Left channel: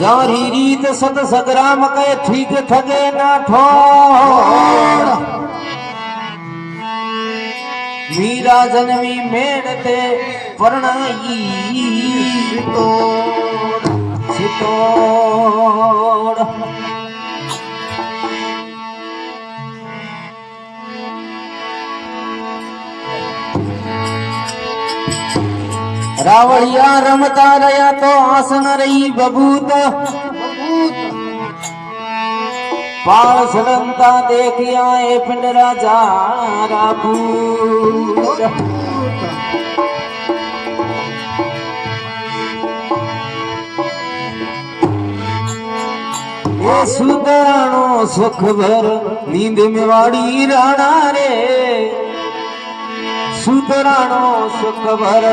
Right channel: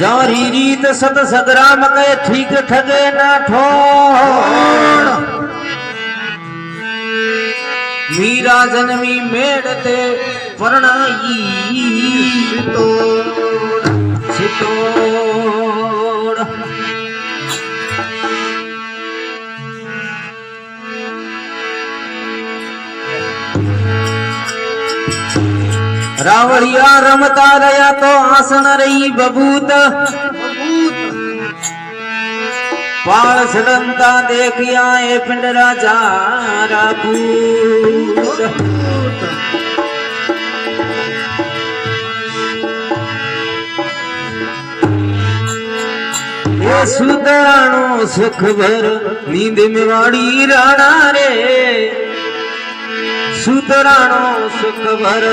जारी रीत सत सदराम के ठीक ठगे ना ठोड़ मीरा जन्मी मेड़ते परणाई छितोड़ छितोड़ रावड़िया रमता रया तो आसन रही बबूत पाल सड़नता देखिया ए पिंड राजा रापूत ये सुदराणो सुख भर नींद में वाड़ी राणा रे सुदराणो सुख भर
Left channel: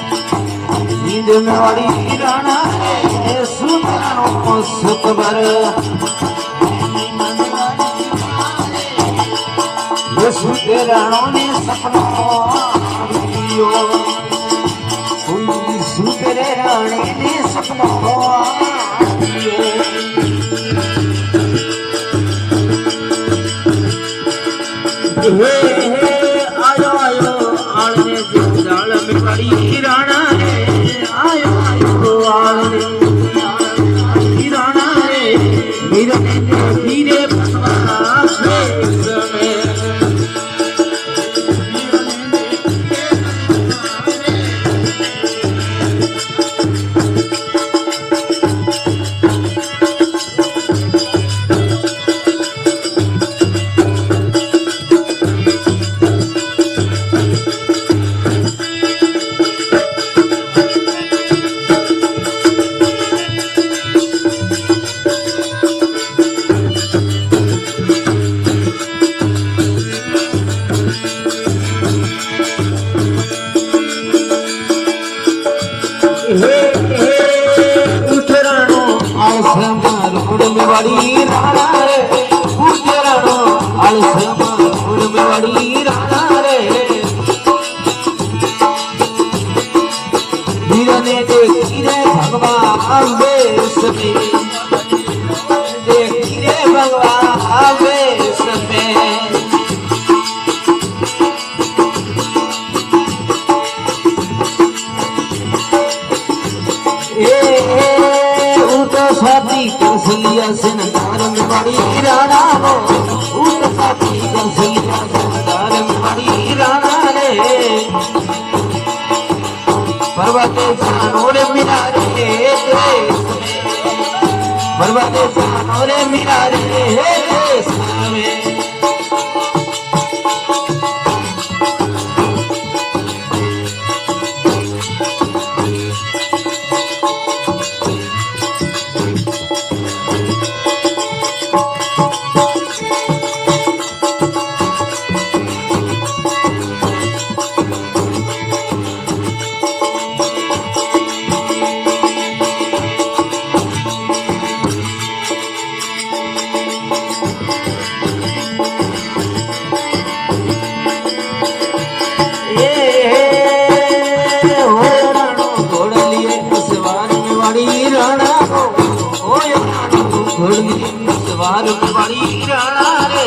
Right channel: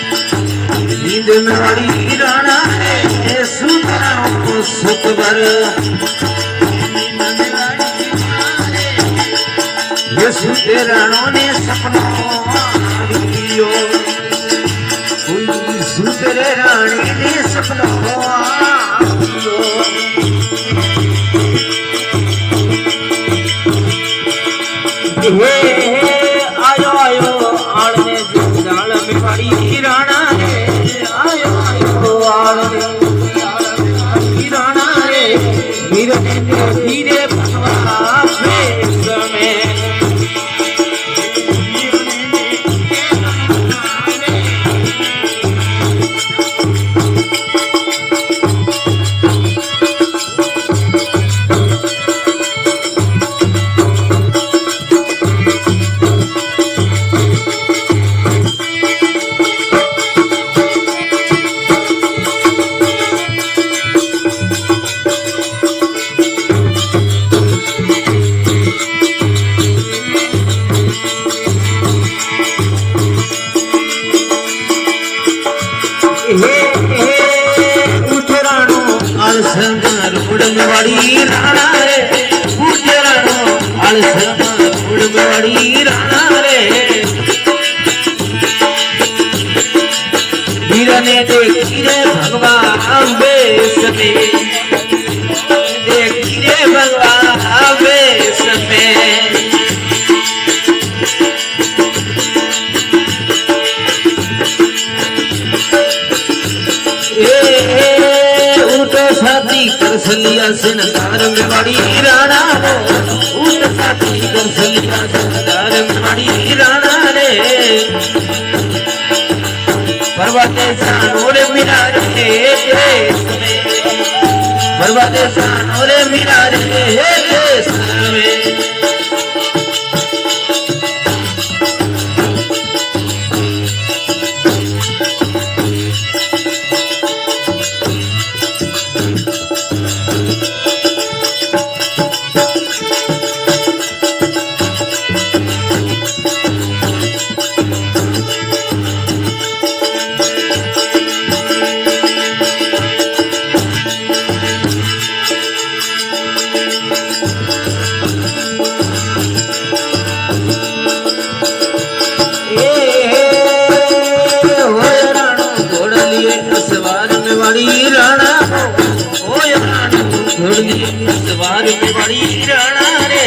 नींद में वाड़ी राणा रे सुदराणो सुख भर ये सुदराणो ने सपनो लियो कोई सुदराणी ने सपनो लियो हे आयो आयो आड़ने जंजाल में वाड़ी राणा धीरे भगवान वेश में भगवान वेश में देखिए भगवान वेश में उठो साथी कर सलिया सिनकार में बड़ी राणा हो उठो साथी कर सलिया सिनकार में बड़ी राणा रे पर्वते सानोरे मिनार के देश में पर्वते सानोरे मिनार के देश में सवार में बड़ी राणा रे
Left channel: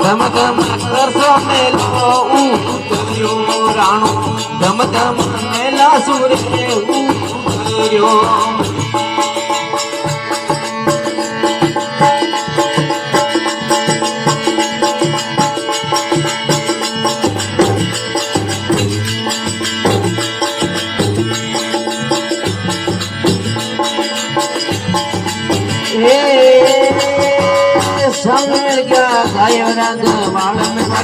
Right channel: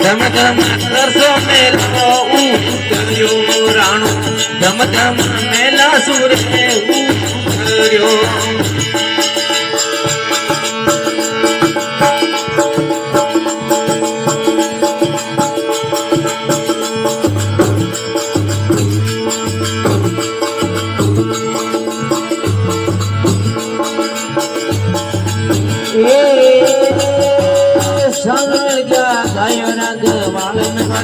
धम धम करसो मेलो उतर्यो राणो धम धम मेला सुर में उतर्यो Yeah.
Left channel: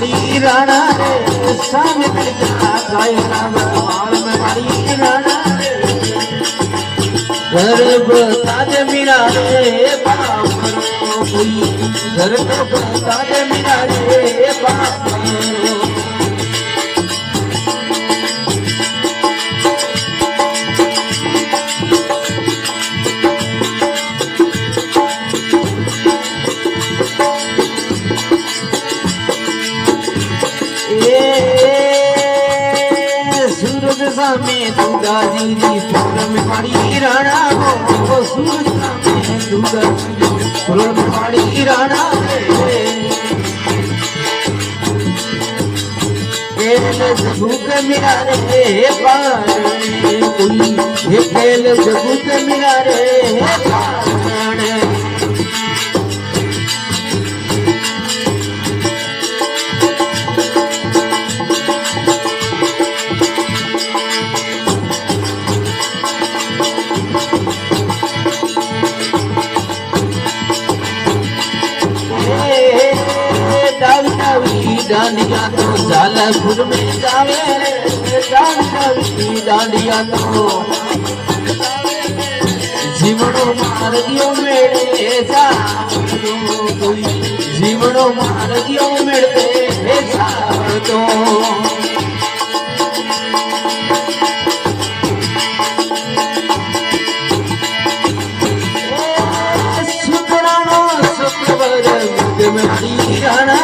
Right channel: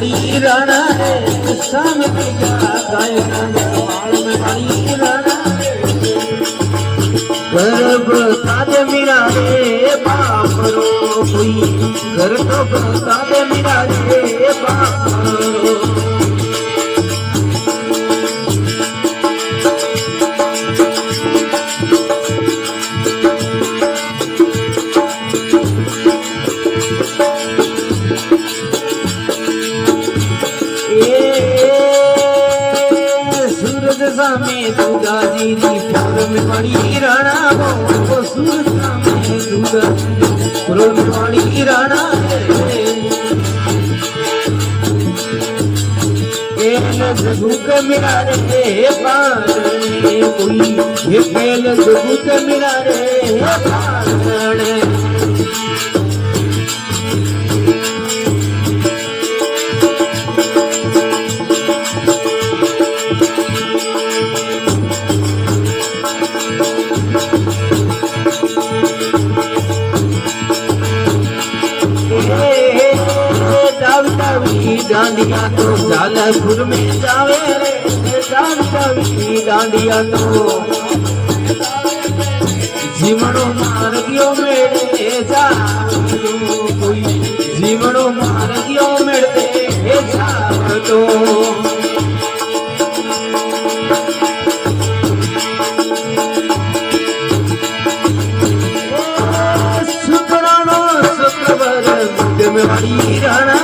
वाड़ी राणा रे सामने क्या गायना बाल में वाड़ी राणा गर्भ ताजे मीरा रे बाप रो कोई गर्भ ताजे मीरा रे बाप रो में दुर्गा जी नी फूल में वाड़ी राणा वो सूरज में दुर्गा फूल में वाड़ी राणा केल जगू के मिला रे पारण कोई ये केल जगू के मिला रे पारण डांडिया तो झालपुर में जावे रे डांडिया तो जीवनो मार दियो मेरे जा कोई जीवनो मार दियो मेरे जा तो सुपनानो शुक्रवार में वाड़ी राणा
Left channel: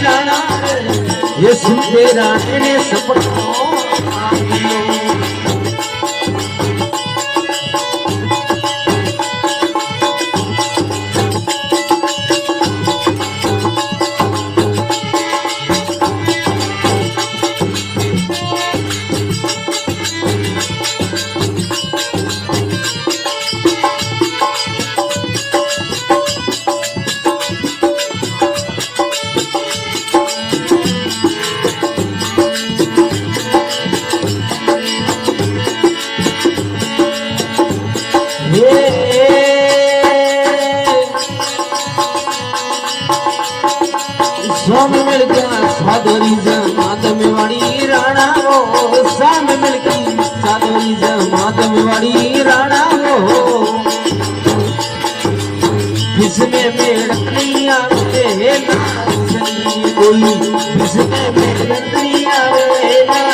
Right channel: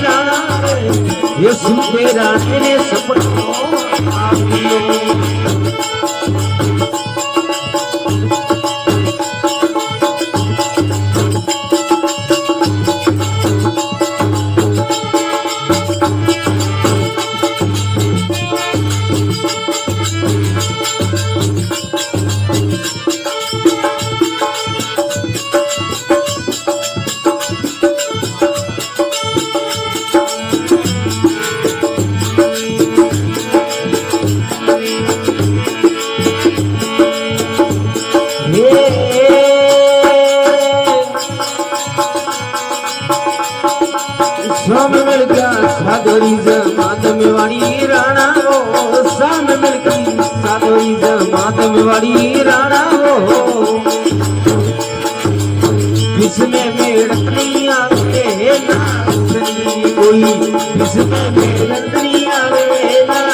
राणा ये सुनते राणे ने सपनों स्वाम मिल गया सादरी जमात में वाड़ी राणा वो स्वाम मिल गई सादरी जमात में वाड़ी राणा वो जिसमें मेड़ नहीं आवे ना कोई जिसमें मेड़ नहीं आवे ना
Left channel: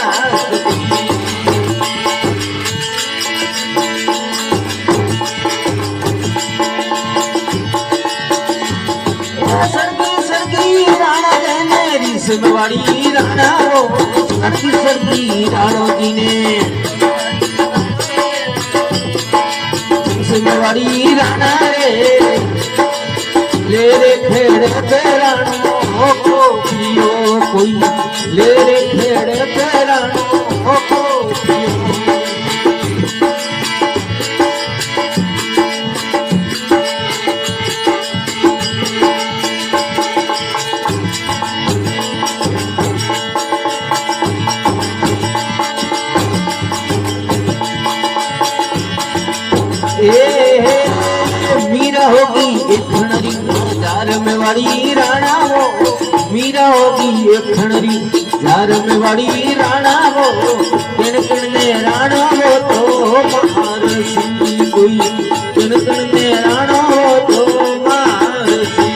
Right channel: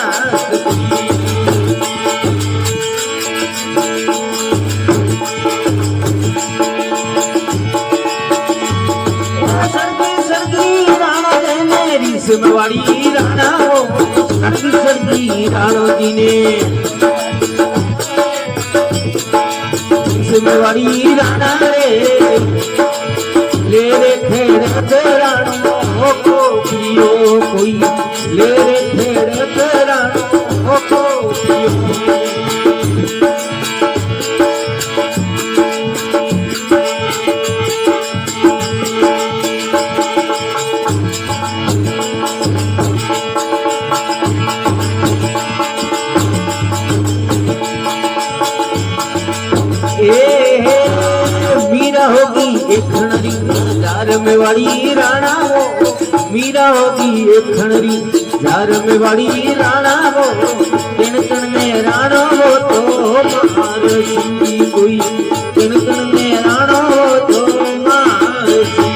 वाड़ी राणा वो सर्दी राणो जी ने वाड़ी राणा रे ले रे खेड़ राणो को पियो कोई ले रे खेड़ राणो को पियो मीरा होगी एक खणरी जार में वाड़ी राणा वो मीरा होगी एक खणरी जार में वाड़ी राणा वो किण ने राणो वो तो मार सी कोई किण ने राणो वो तो मार सी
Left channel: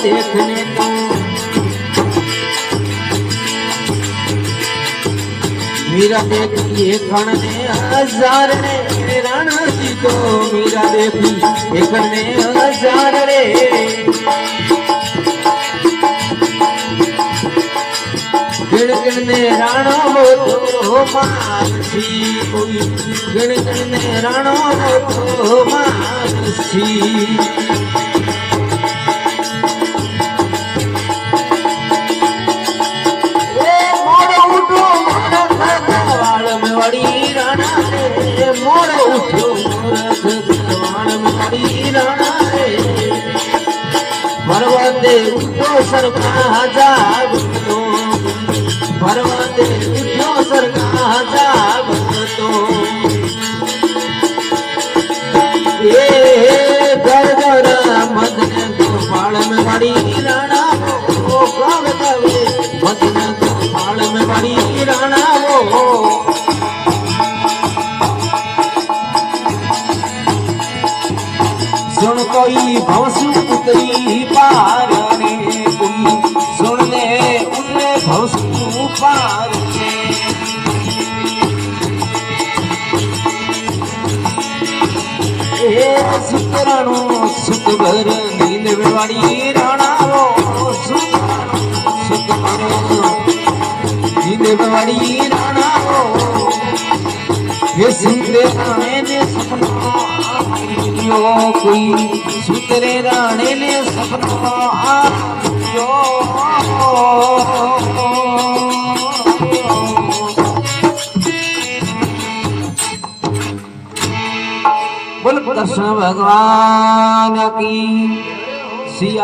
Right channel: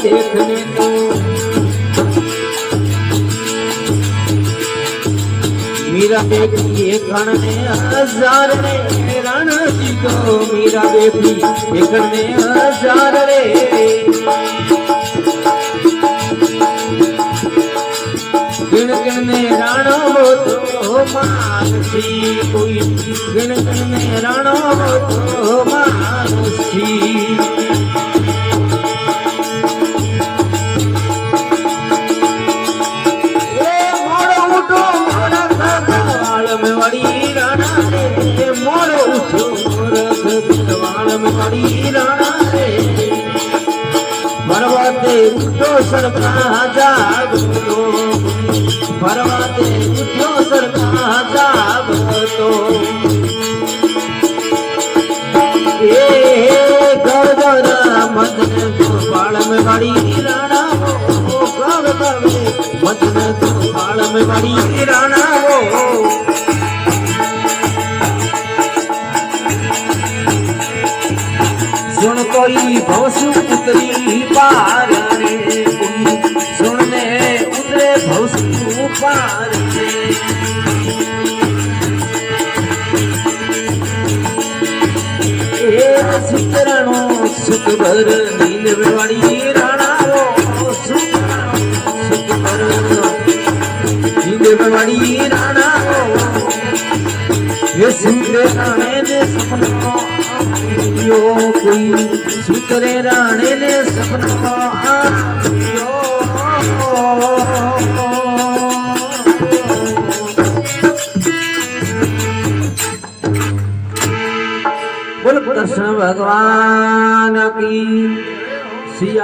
देखने को मीरा देखिए खणने हजार रे राणा जी को मीरा देखी खणने हजार रे गिण गिणने राणो તો માનસી કોઈ ગણ ગણને રાણો તો માનસી पर्वते उठो सरका जागतो पर्वते उठो सरका जागतो ए गरगरा मदन गोपाल में बड़ी राणा वो गवे मदन गोपाल में बड़ी राणा वो सुन कोई भवसु उतरी पार रे कोई सुनने उतरे भवसु पार रे ए सुतराणु सुतभर नींद में वाली राणा वो सुतभर नींद में वाली राणा वो ये सुंदर राणे ने सपनों कोई सुतरे राणे ने सपना आयो बोल कृष्ण भगवान की सिया।